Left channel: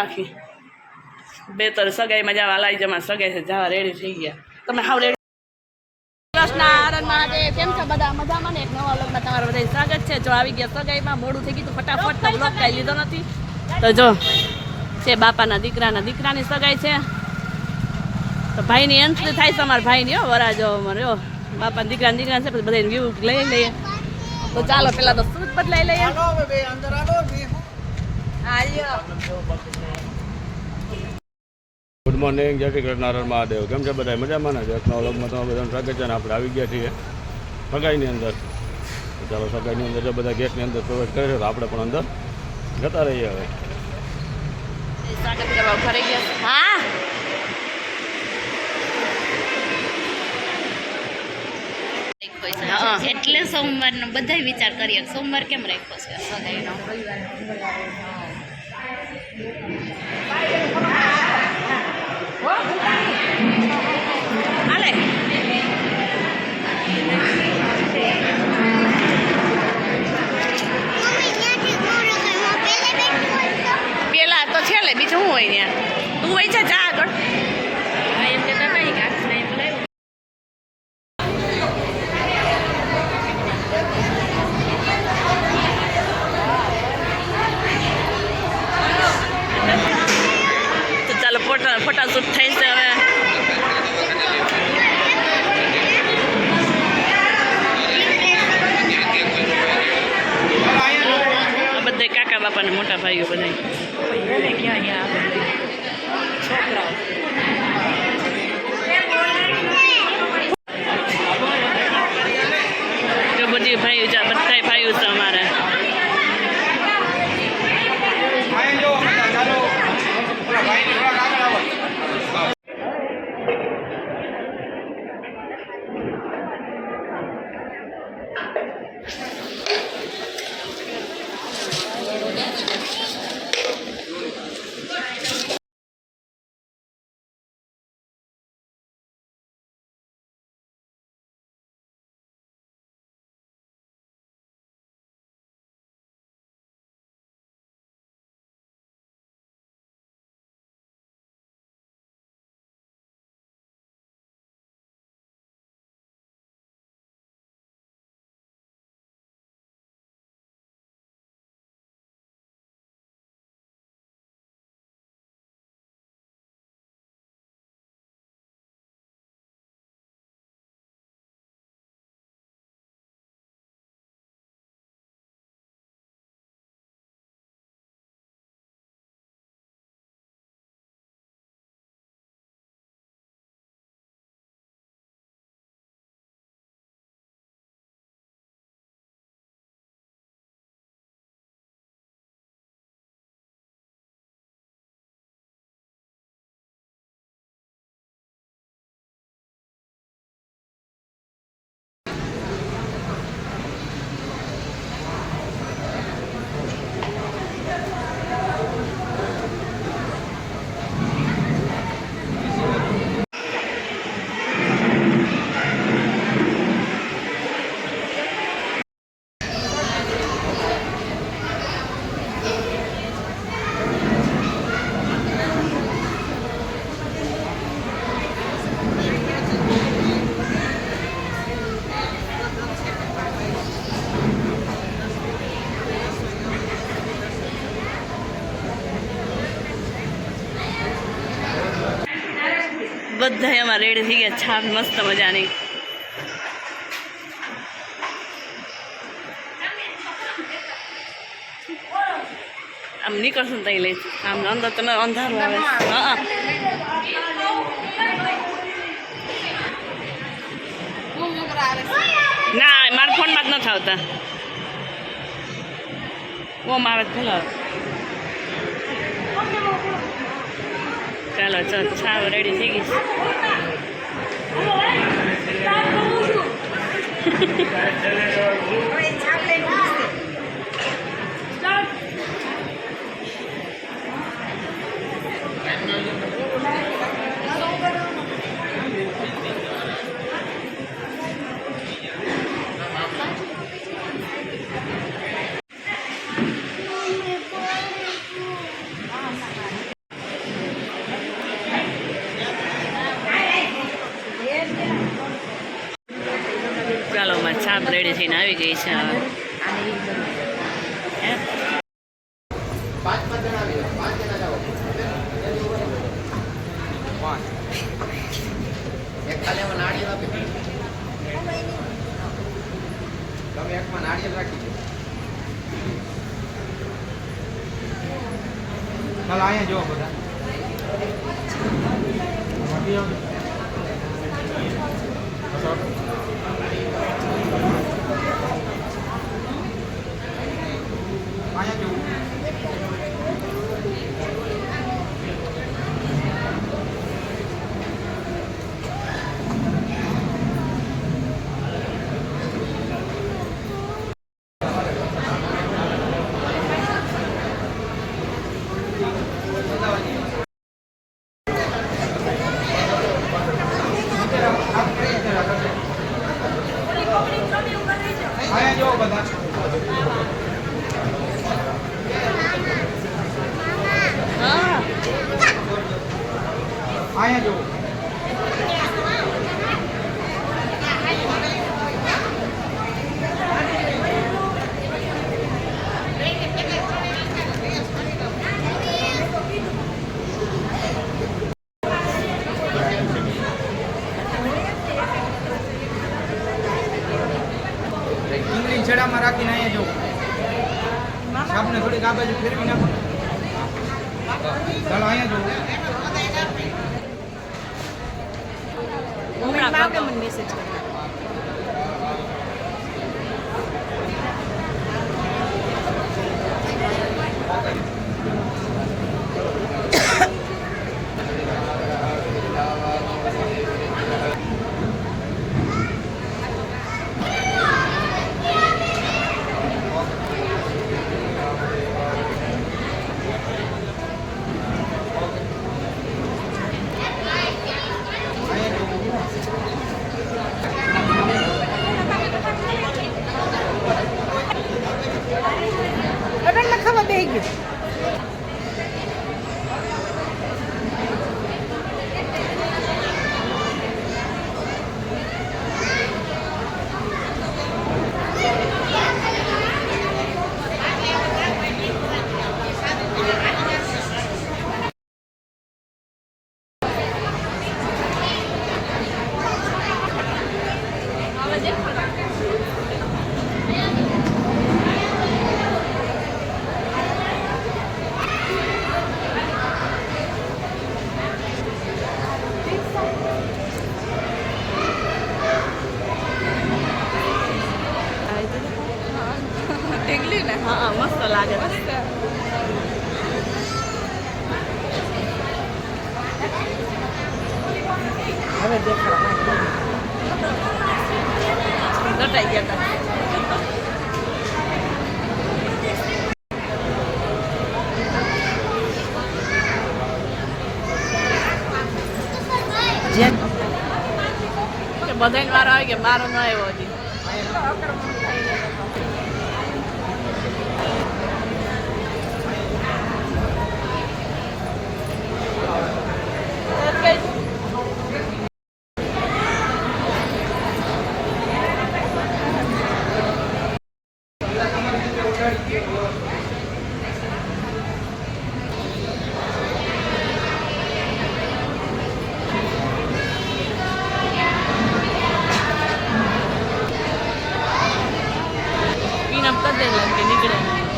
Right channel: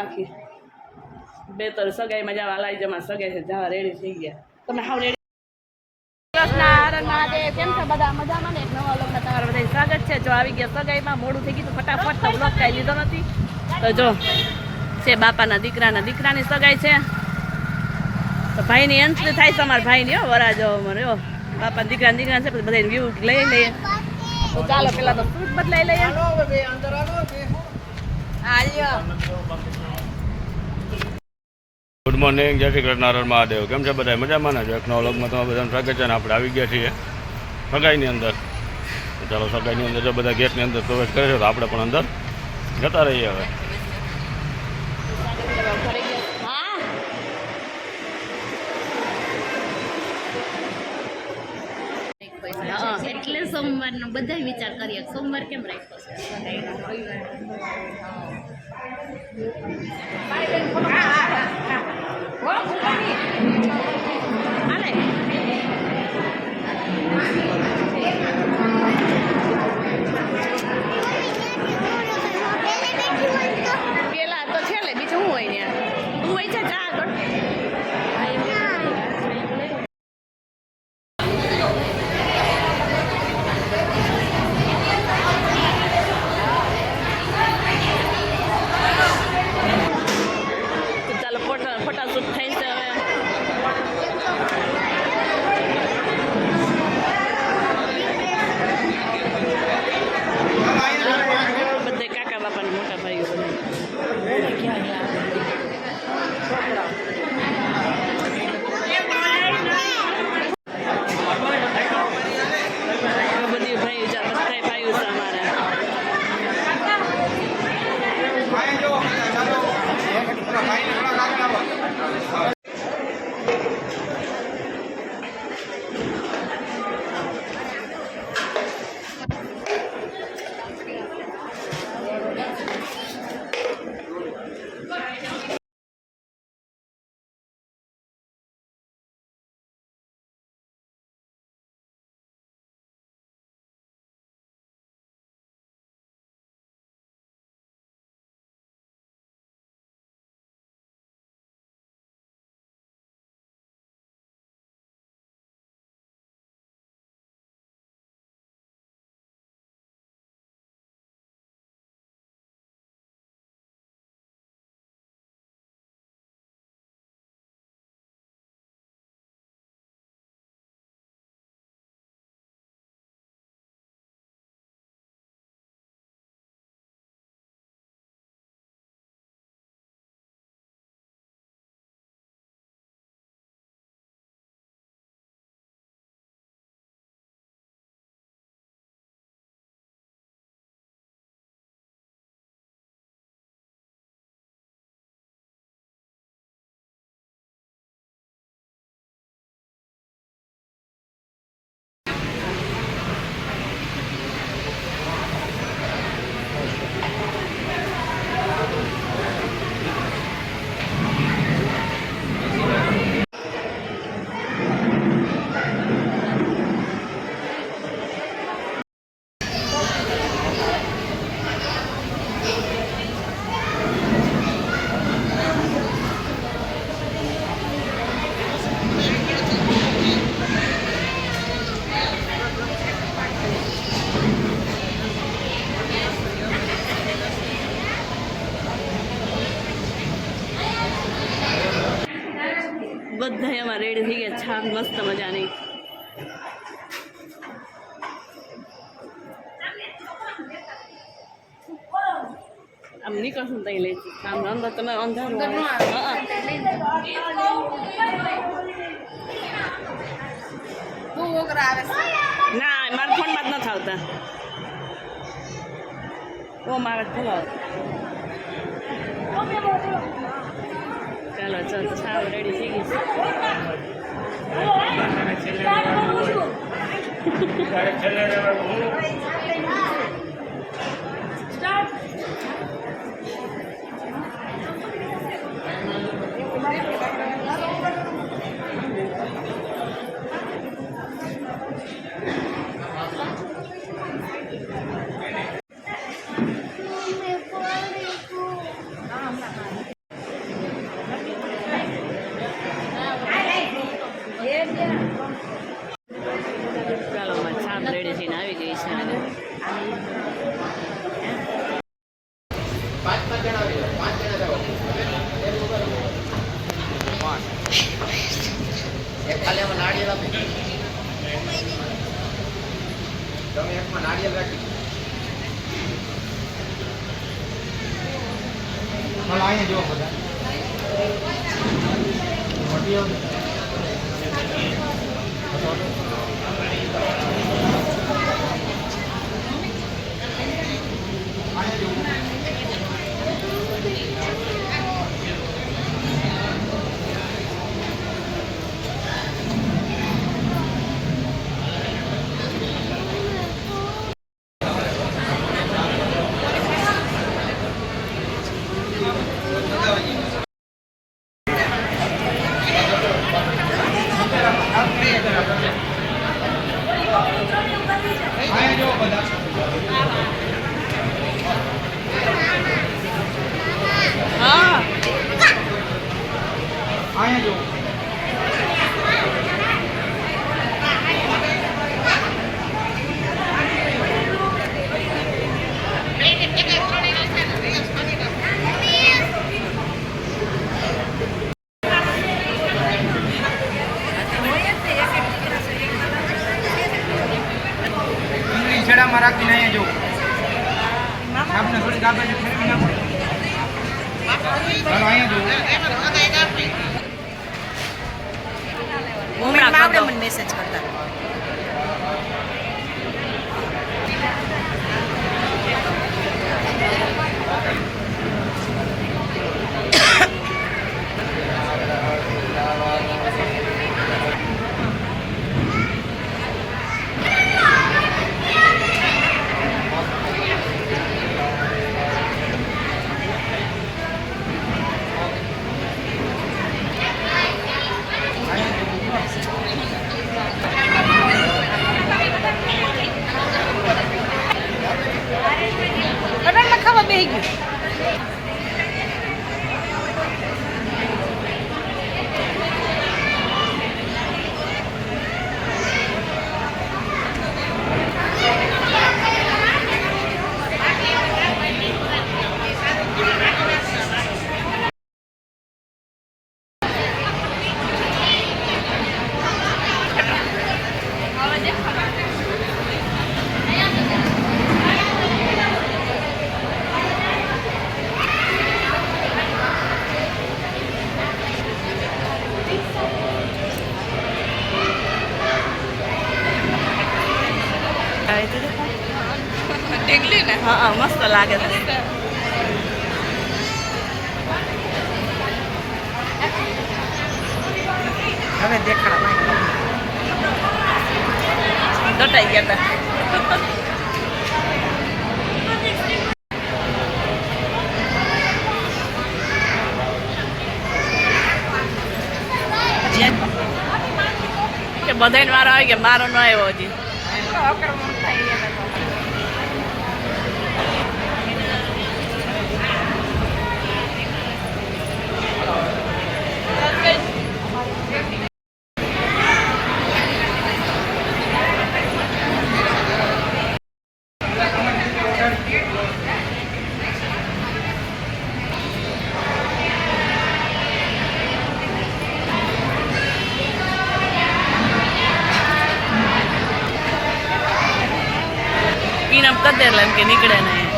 બાકી બે તો સગાઈમાં જવા લાઈ જમા સગાઈ છે જવા રેડી થઈ ગયા તમે હાવ રેડી કૃષ્ણ મહાદેવ કેમ છો બધા મજામાં ને એક નવા વ્લોગમાં તમારું બધા સ્વાગત છે જો આવી ગયા સગાઈમાં મોડું થઈ ગયું તો ફટાફટ તો વ્લોગ કાંઈ લીધો નથી તો જો છે બાપાના દીકરાની સગાઈ છે તો ભાઈની એન્ટ્રી થાય છે અમારા ભાઈની હો વરાજો અમારે હો બાપા દીકરા છે પછી બધા વ્યૂ લઈ લઈએ તો ચાલો પેલા તો સૂટ બદલાઈ લઈએ ગુડ મોર્નિંગ જય શ્રી કૃષ્ણ મહાદેવ કેમ છે બધા મજામાં ને એક નવા વ્લોગમાં તમારું બધાનું સ્વાગત છે ને આપણે આવી ગયા છીએ સગાઈની અંદર તો ચાલો સગાઈની અંદર જો બધા ગેટની અંદર પ્રવેશ કરે છે તો આપણે પણ અંદર જતા રહીએ હવે એટલે સોમવારનો બધા વિચાર કરીએ સોમવાર કેમ રાખ્યો છે સગાઈનો પેલા તો છે લે બીજું શું હોય ત્યાં તું હોય છે ચા આગળ ફોટાશૂટ થઈ છે હવે બધા કાકા બાપા ને મોટા ભાઈઓ બધા બધી ભાઈઓ બધા ભાઈઓ છે અમારા બધા એમાં રેડી થઈ ગયા છાપ મસ્ત મજાની આમ નીકળશું તઈ લઈ આમ અંદર તને અંધારું આવે હા ના મારા ફોનમાં જ નથી આવતા ઓ મારે ભલો ચાલો ચાલ છાવ રેડી થઈ ગઈ છાપ રેડી થઈને આવી ગઈ છે હવે. ચાલો અહીંયા જુઓ બધા મોટી આવ અહીંયા જુઓ બધા હા અહીંયા જુઓ ડુંગળી છેડામાં રાખીને અહીંયા જુઓ આપણે થોડીક આ બાજુ ફેરવી નાખો ચાલો અહીંયા જુઓ આવડે મને મેસેજ કરતા ખબર બે ગયું ઢીકલી ને હા મસ્ત લાગે છે હવે દેખાડા દટાઈ ગયા હતા કે બધાને વારો આવી ગયા મારો ન આવ્યો હજી પીણમ કરી દેલા કે નીકળે નહીં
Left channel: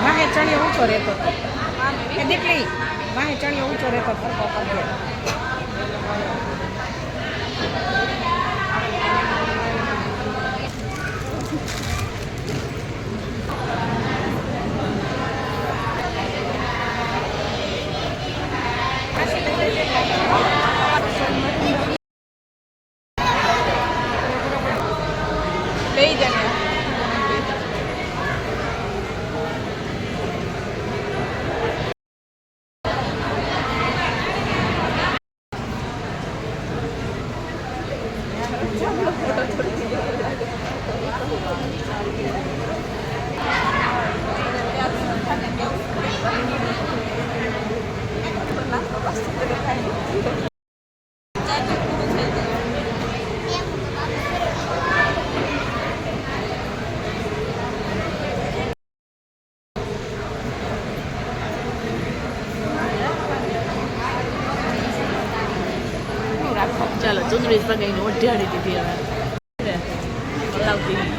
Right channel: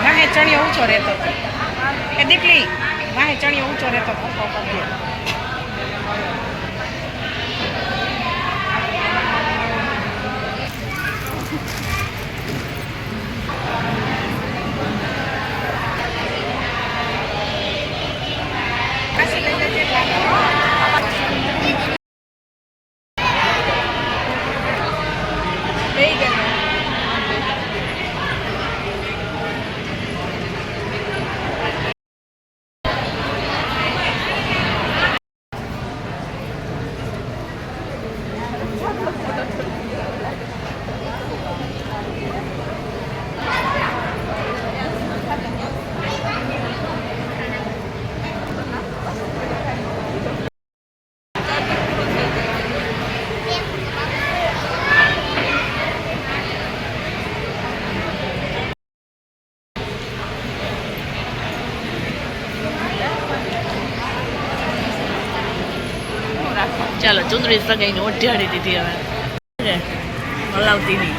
વાહે ચણિયો ઊંચો રહેતો હતો એ દીકરી વાહે ચણિયો ઊંચો રહેતો હતો ચાલો ચુંદડી સગાઈને ઓઢાડી દીધી હવે હલાવતી નહીં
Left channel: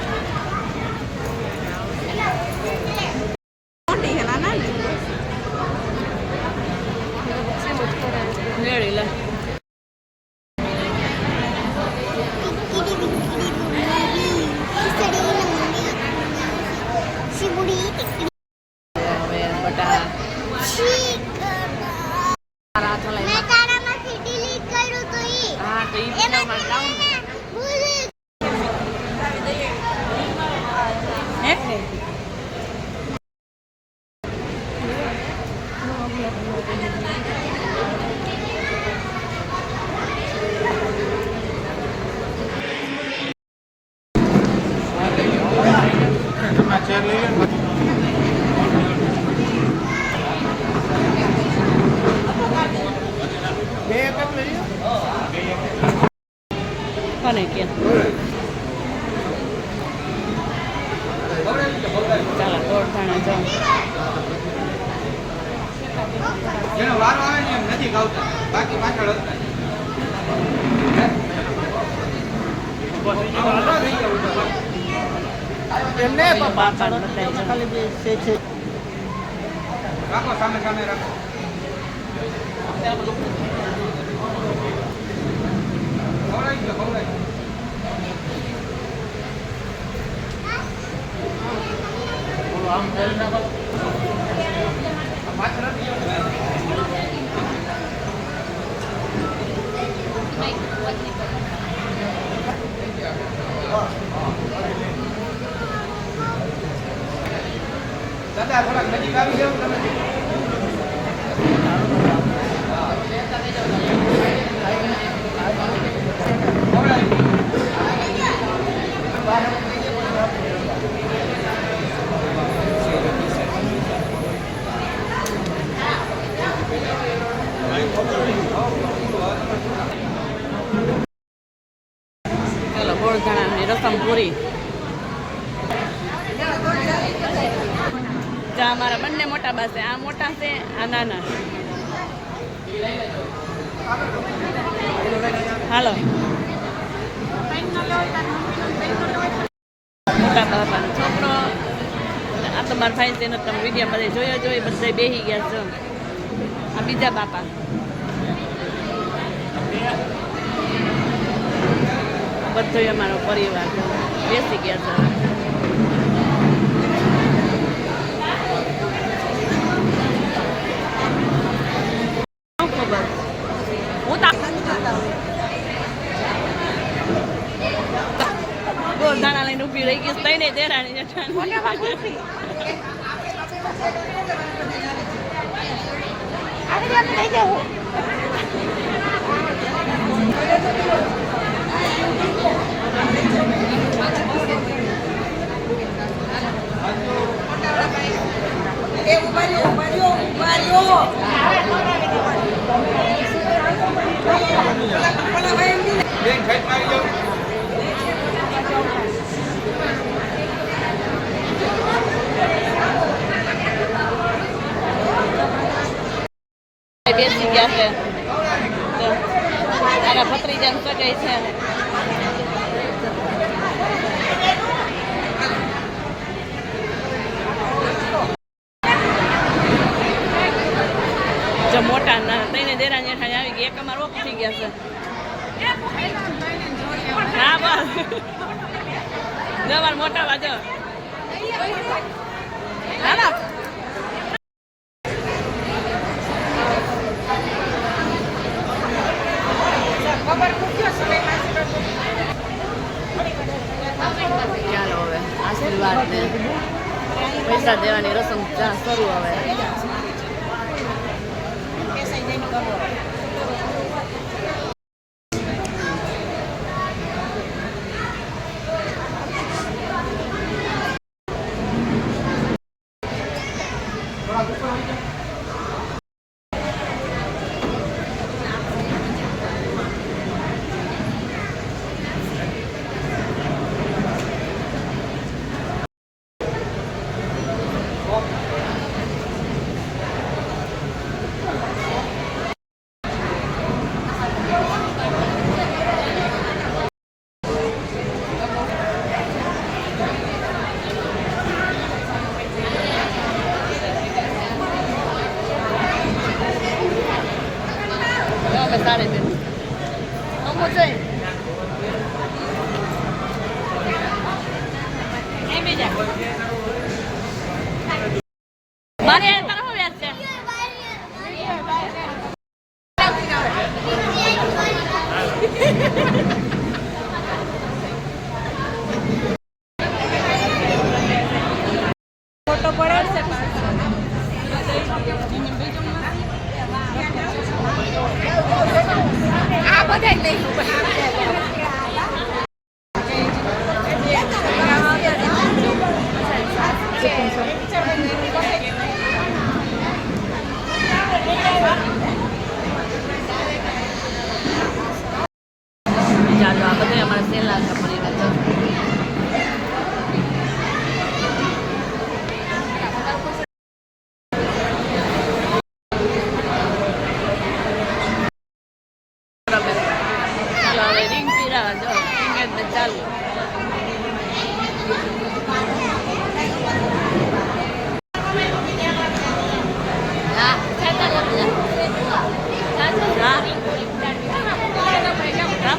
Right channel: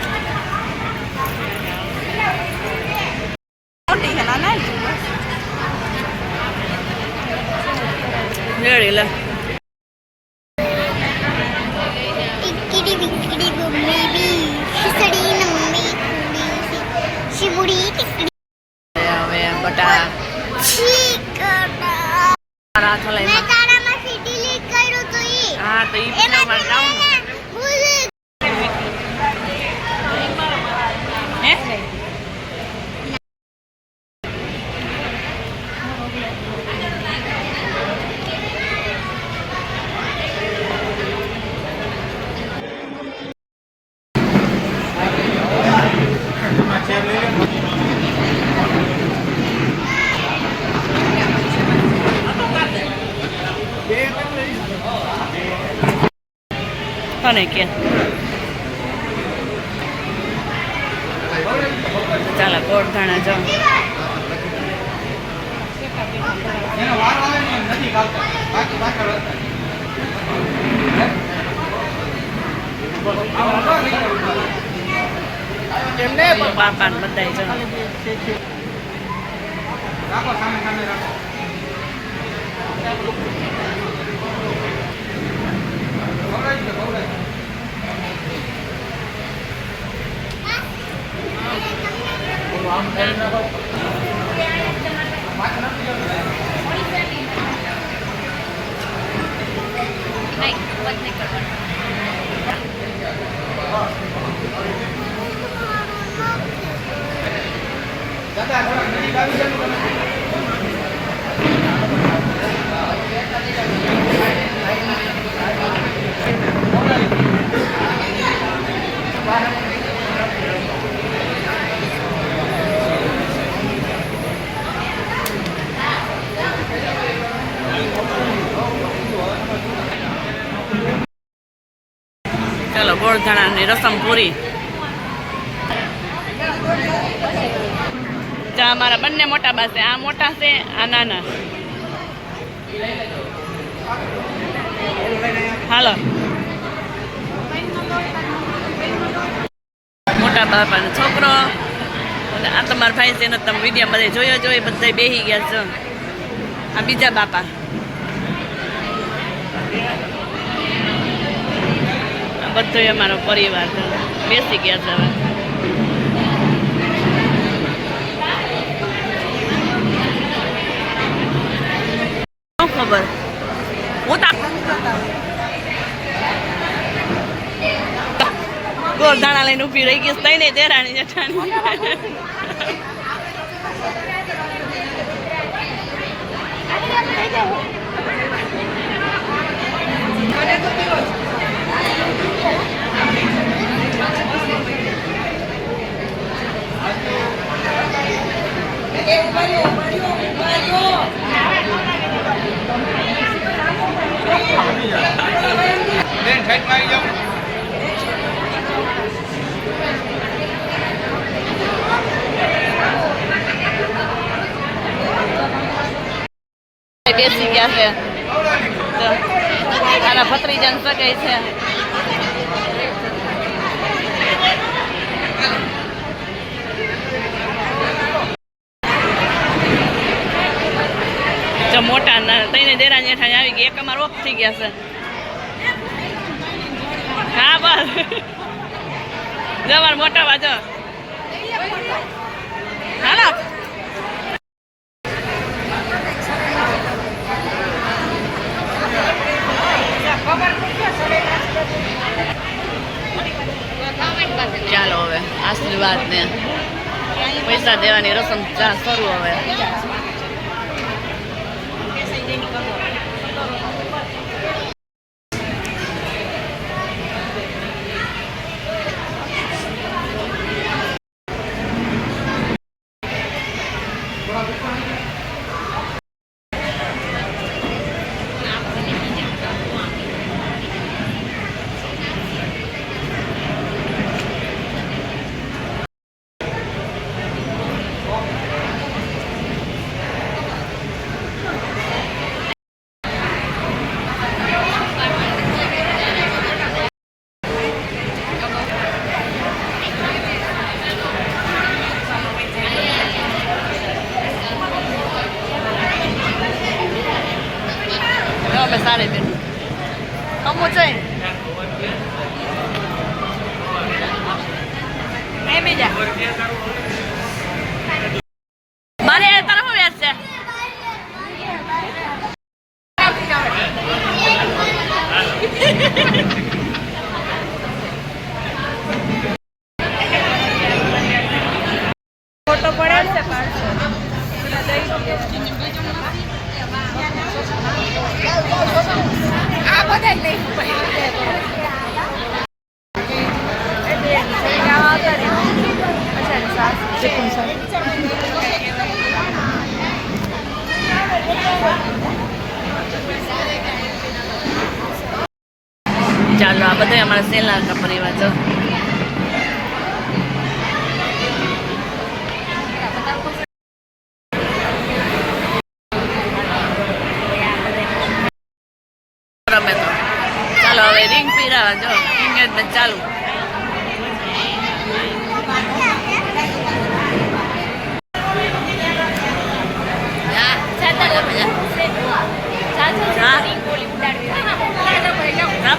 રેડી લે टिकड़ी बिकड़ी गुम्मी भी खिचड़ी नम्मी शिबुड़ी टिकड़ी હવે બટા મારા હાથ લઈને मैं तारा में सिटी लीक करूँ तो ये હા તો ઈ પણ માર ડાઉન भूल હે તને કે ચાલો ગોળધાણા જો જેનો વાર આવે ને એમ નથી ખાવતા બાકી પાછળ હતા એમને બાપા ને બધાય જો રાખો સામે સામે રાખો નહીં વધ નહીં કરવાનું દાદા થોડા નજીક આવી જાવ ચાલો ગોળધાણાની રસમ પૂરી જા મારા બંને મોટા બા છે આ મોટા છે આ નાના હાલો મોટા બાપાનો છોકરો અને આ તમારા ભાઈ છે એનો તમે વિડીયો બધે જોયો બધા બેસી ગયા છો આ બીજા બાપા આ બધો અમારો પરિવાર છે બેસી ગયા છે હવે શું ખબર હું ગોળધાણા લઈને ઊભી રહી ગઈ તઈ નહીં દેરાણી જેઠાણી બેન સાઈડ માં આવી જાવ બેસી ગયા છે તો આના ભત્રીજાને સગાઈ છે જો મોટા તઈને દેરા જેઠાણી આવી ગઈ એક અમાર ઓફ થઈ ગયા છે હા બસ જો અમાર મોટા બાજો હાલો ચાલો હવે આશીર્વાદ ને પૈસા દેવાની રસમ શરૂ હવે તમે સાડી બેન અમુ જોઈ મારે તારા શું વ્યાજ છે ફોટો પડે ચાલો આ બધા અમારા સેલાના પરિવાર જો ચાલો હવે રિંગ પીરાવા જો એંગેજમેન્ટ ચાલુ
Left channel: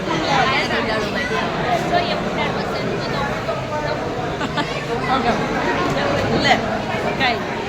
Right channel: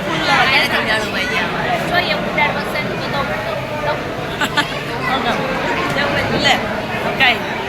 ફૂલ લે કઈ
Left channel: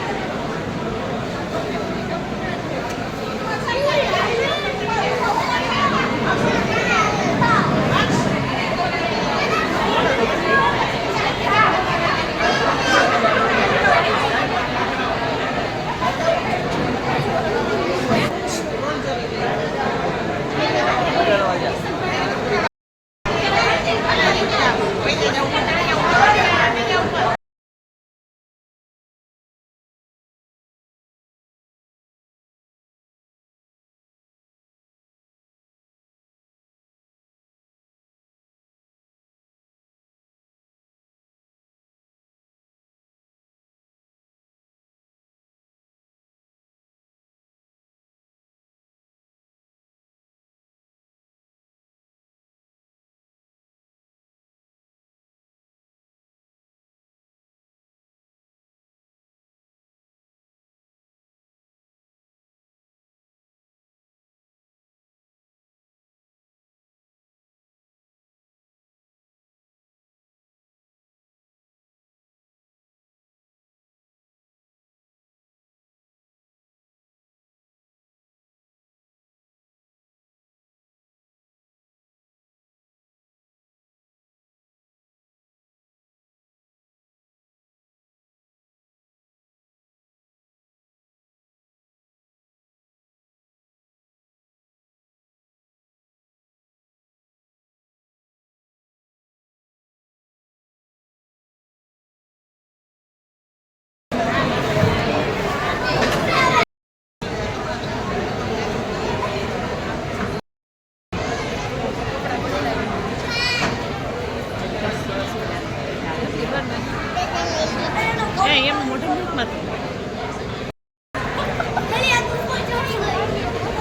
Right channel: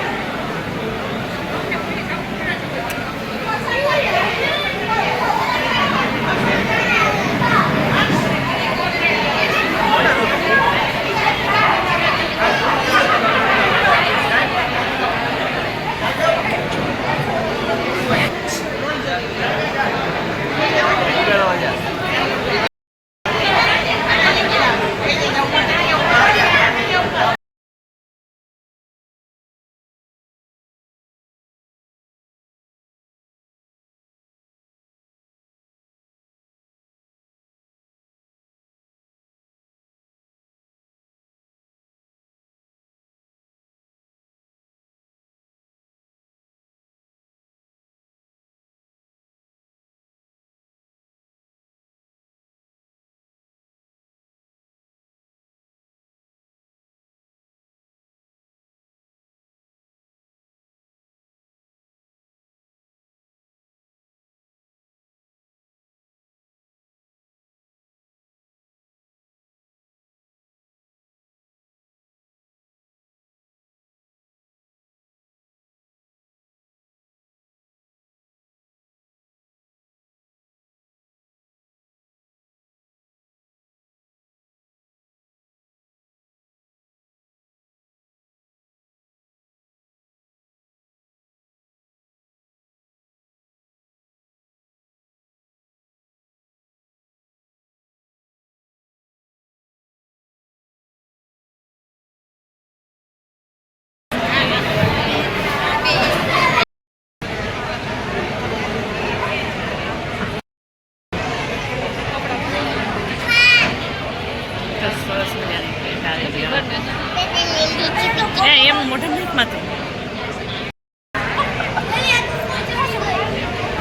એમ મોઢા નથી માતું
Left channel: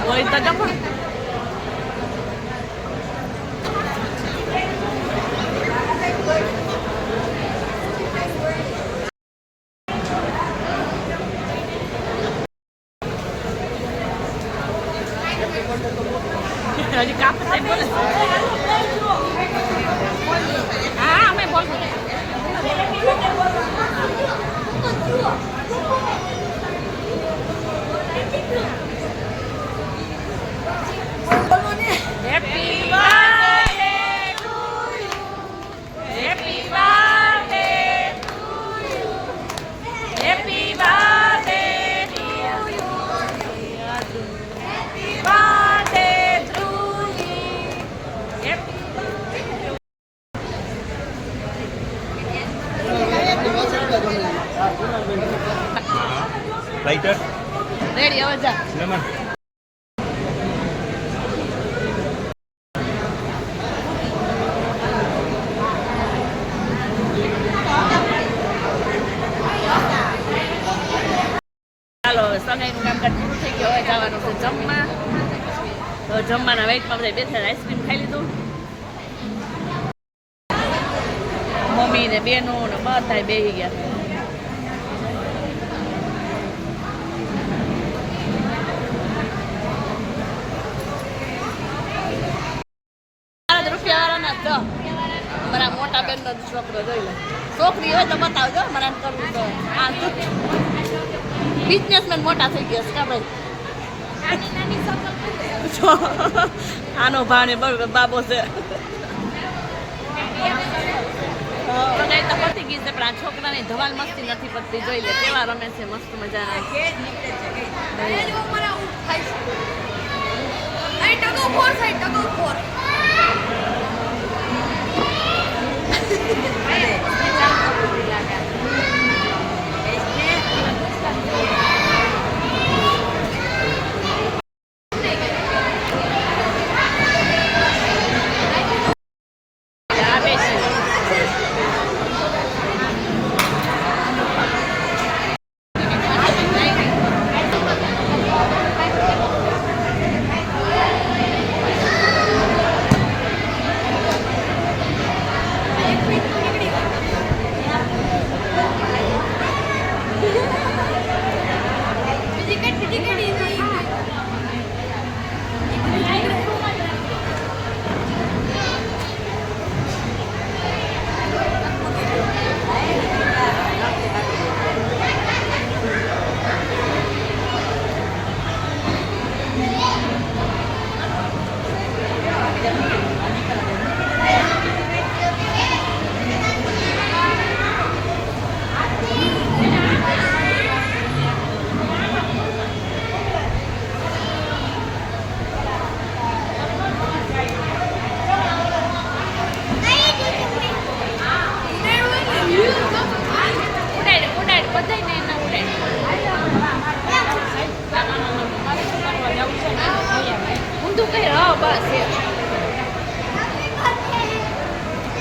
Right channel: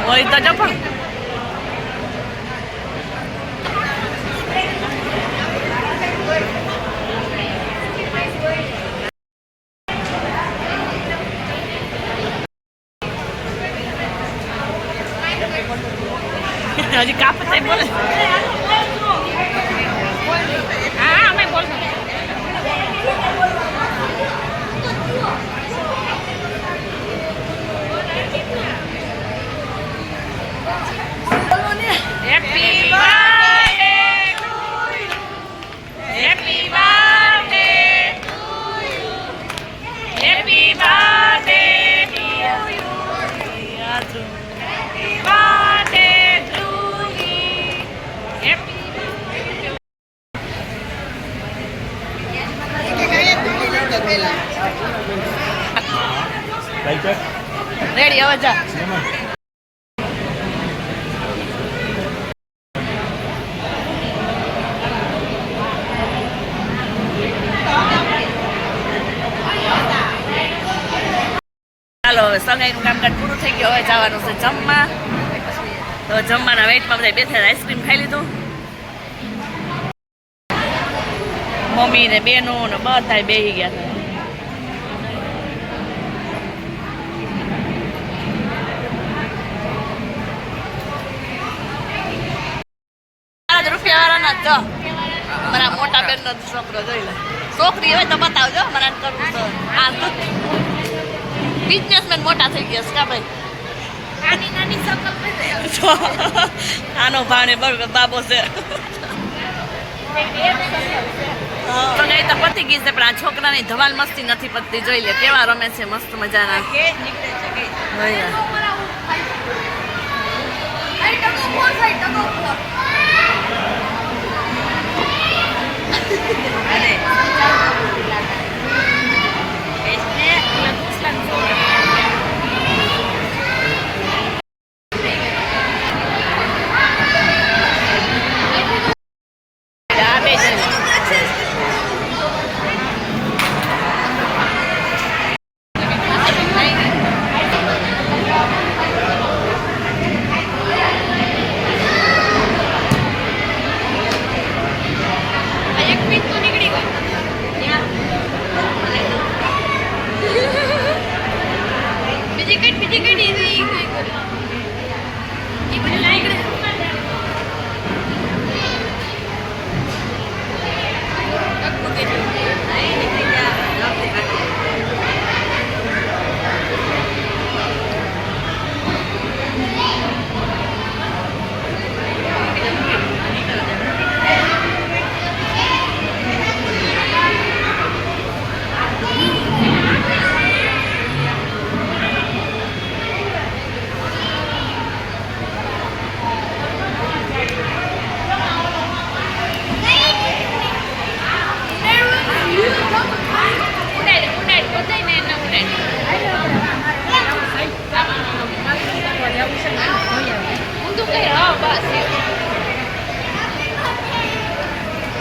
હોય તો જો પણ હજી કાપડ થઈ બોલે હા અમે બોલશું Happy birthday to you. Happy birthday to you. Happy birthday dear you. Happy birthday to you. Happy ready હવે જા ચાલો હવે સગાઈનું કામકાજ પૂરું થઈ ગયું હવે જવાનું છે જમવા તો જમવાના વેઇટમાં બધા બેઠા આઈસ્ક્રીમ ખાઈ લીધું મમ્મી ને બેનો ને બધા બેસી ગયા હા જો મારા મોટા બેનનો છોકરો જોઈ લે છોકરી હોય તો બતાવજો મને એમ કરવું તો આ બિઝનેસમેન મોટા થઈ ગયા છે કા ભાઈ આનો ભાણે બાબો છે તો નહીં તો પતી ગઈ છે પણ આ છોકરાની ધમાલ મસ્તી નથી પતતી જોઈ લે કેવા રમે છે મસ્ત મજાના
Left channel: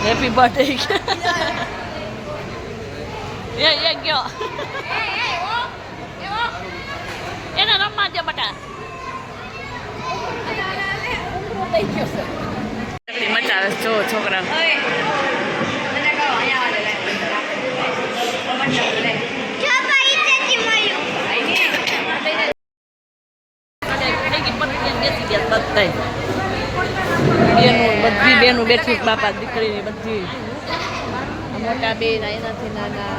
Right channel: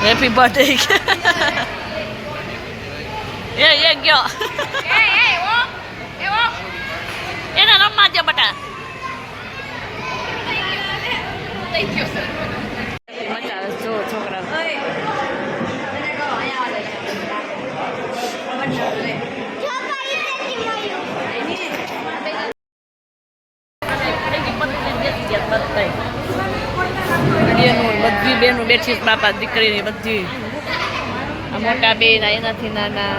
હેપી બર્થડે એ ગયો એને રમવા દે બટા મજા આવે જો છોકરા બધી બેનું બેઠી બાપા દીકરીની બધી આ મોટા બેન એનાથી નાના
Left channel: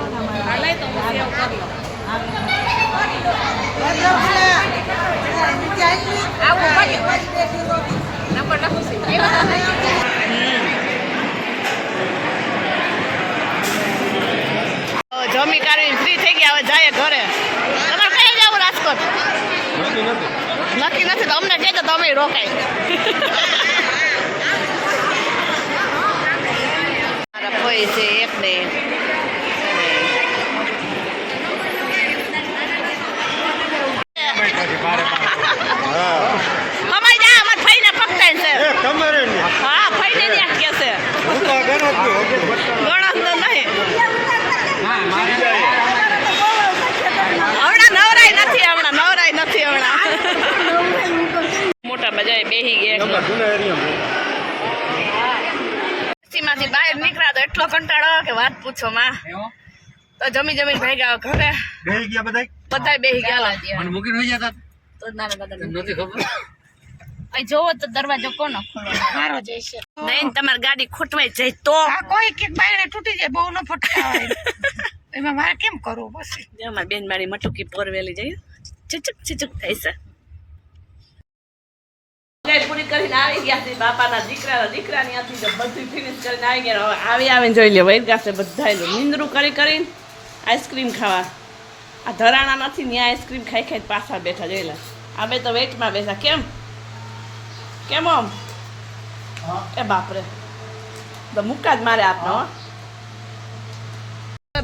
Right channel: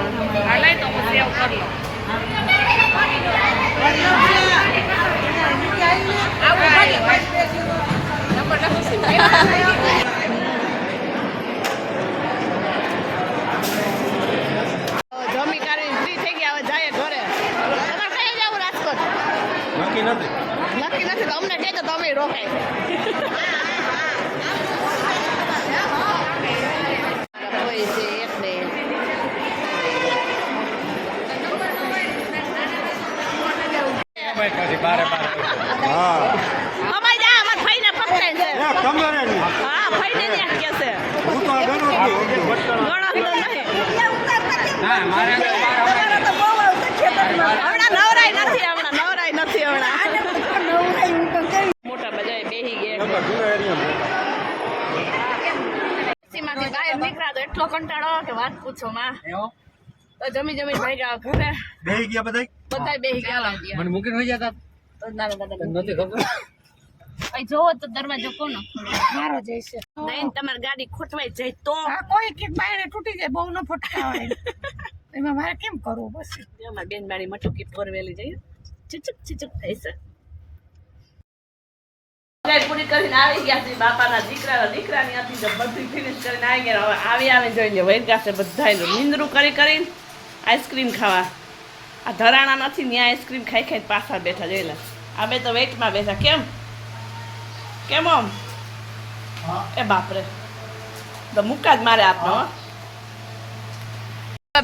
જમી કાઢીને ફ્રી થઈ ગયા હવે જાય ઘરે તમારે કઈ જવું રાજકોટ નક્કી નથી તો અમને કહેજો તો અમે રોકાય મારા ભાઈ છે એક ને અમારે જા અમારે ભાઈને પકડાય છે હા ભાઈને ત્યાં કે છે ગણત તો નહીં હમણાં નવરાય નથી હમણાં મોટા બજાય બેહી ગયા માંથી બહાર નીકળ્યા તો એટલો કંટાળો કે વાત પૂછો માં તો જમી ભેગા ઘરે બેહી ગયા બધા બેહી ગયા મને મૂકીને હોઈ જતા તો ના નથી ખબર અહીં જોવો તો દરવાજો કોનો ખોલો મારો જઈશે નહીં તમારી ગાડી ખૂટવાઈ જાય તો કોઈ કે બાયણે તૂટી જાય બહુ ન ફટકાય એમાં મારે કેમ કરવું પછી અમારી બેન મારી મટુકી ફોરવેલી જઈ ચીચક થાય છે પૂરી કરીને આવી ગયા છે બાપાના દીકરાની ત્યાંથી બધી ફિનિશ કરીને આવી ગયા હવે આવીને જોઈ લે વહી ગયા છે બધા નિંદરું કરીને આઈસ્ક્રીમ ખાવા આ ધરાણા નથી ત્યાં આઈસ્ક્રીમ ખાઈ પાછા બેઠા જોઈ લે આ બે તો વેટમાં બેઠા કેમ આમ એ બાપરે તો મુક્કા જ મારે આપનો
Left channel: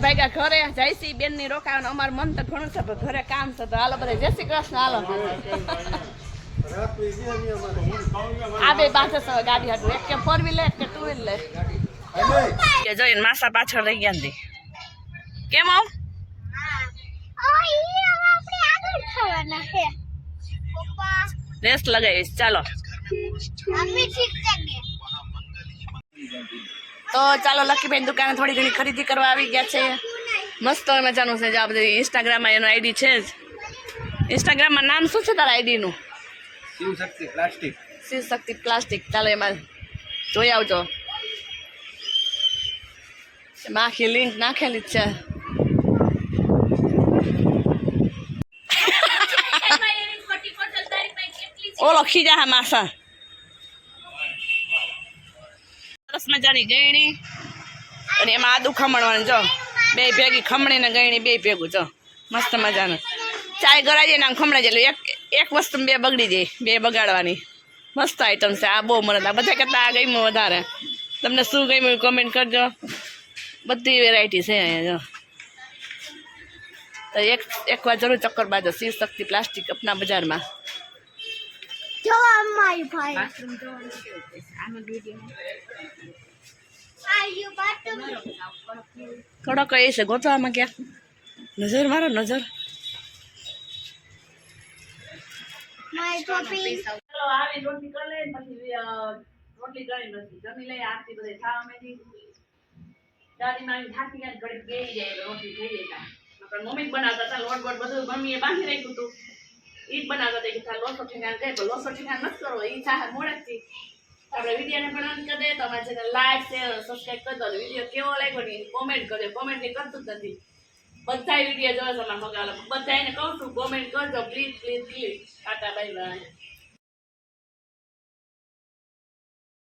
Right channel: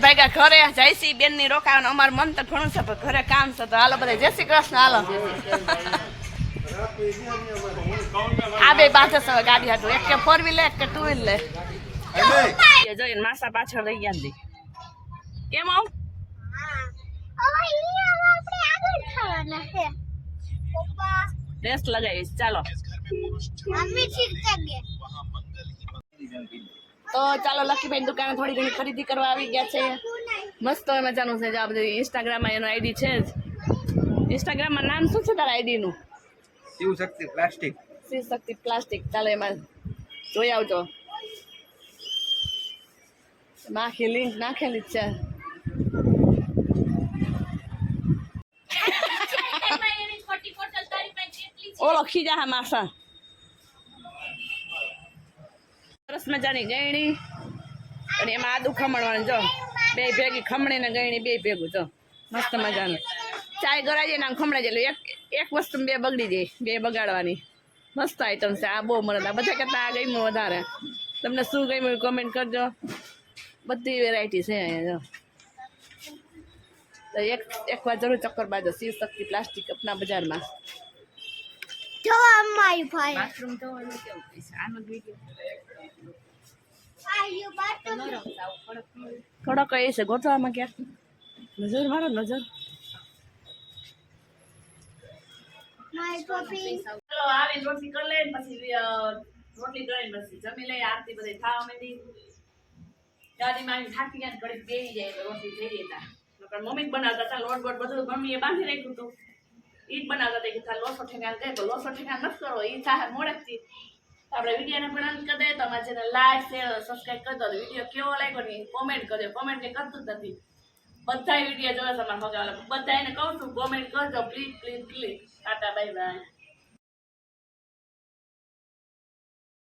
ભાગ્યા ઘરે જયસી બેન ની રોકાવાનું અમારું મન તો ઘણું છે પણ ઘરે કામ છે તો હાલો બધા જય શ્રી કૃષ્ણ હાલો આ બે બાંધે છે ગાડી હાટું એક કે 4 વ્હીલ એક કે 2 વ્હીલ લે કે જોઈને માસા પાછળ રહી ગયા ને કેમ આવ રેસ લગાવીશ ચાલો તો ચાલો લકીબેન દુકાને થોડી ઘણી ખરીદી કરવા આવી ગયા છે મસ્ત મજાનું છે જે આ બધી ઇન્સ્ટાગ્રામમાં એનો આઈડી છે જ ઇન્સ્ટાગ્રામમાં નામ શું છે તારા આઈડીનું શિવશક્તિ પ્લાસ્ટિક ચાલો એમાં જોઈ આવજો એમાં આખી લિંક નાખેલી જ છે. ઓળો ખીજા હા માસા સરસ મજાની ગયણી અને એમાં આદુ ખમણવાનું જો બે ભેગી ખમણી ને ગયણી બે ભેગું જો મસ્ત મજાનું ચાય ગરાઈ જાય ને આમ ખમણાઈ જાય એક વસ્તુ બે બગડી જાય બે બગાડવાની મસ્ત આઈટમ છે આ બહુ મને બધા કરતા આ ગમ્યું વધારે તમને શું ગમ્યું કોમેન્ટ કરજો બધી વેરાયટી છે અહીંયા જો તો એકવાર જરૂર ચક્કર બાજો શિવ શક્તિ પ્લાસ્ટિક અપના બજારમાં જવા અમારી ભાઈ આયુ બાટમ કડક એ છે ગોતવામાં ક્યાં નજર મારો નજર મારી ટોપી ચલો આવી રોટલી કરી લઈએ પછી રોટલી કરીને પછી જમી લઈએ આરતી બધી ખાવા માંડી ગાડીમાં આવીને થાકી ગયા ઘડી બેસી જાય રોટલી થઈ જાય નકર મમ્મી જ બનાવતા હતા લોટ બોટ બધું મમ્મીએ બાંધી રાખ્યું હતું ઈ જ બનાવતા હતા કે તાર લોસો ઠેકાણ દે પણ લોસો ઠેકાણ નથી કરો ઈ થાય મોડેકથી આપણે વિડીયોને પણ અંત કરી દે તમારે જેને લાઈક શેર સબસ્ક્રાઈબ કરી દો વિડીયો કેવો લાગ્યો ને કોમેન્ટ કરજો કોમેન્ટ કંઈ કરતું જ નથી બધા વિડીયો જોવે તમારા મગાવેલા બધાને કહું છું કોમેન્ટ કરજો please please please Tata bye bye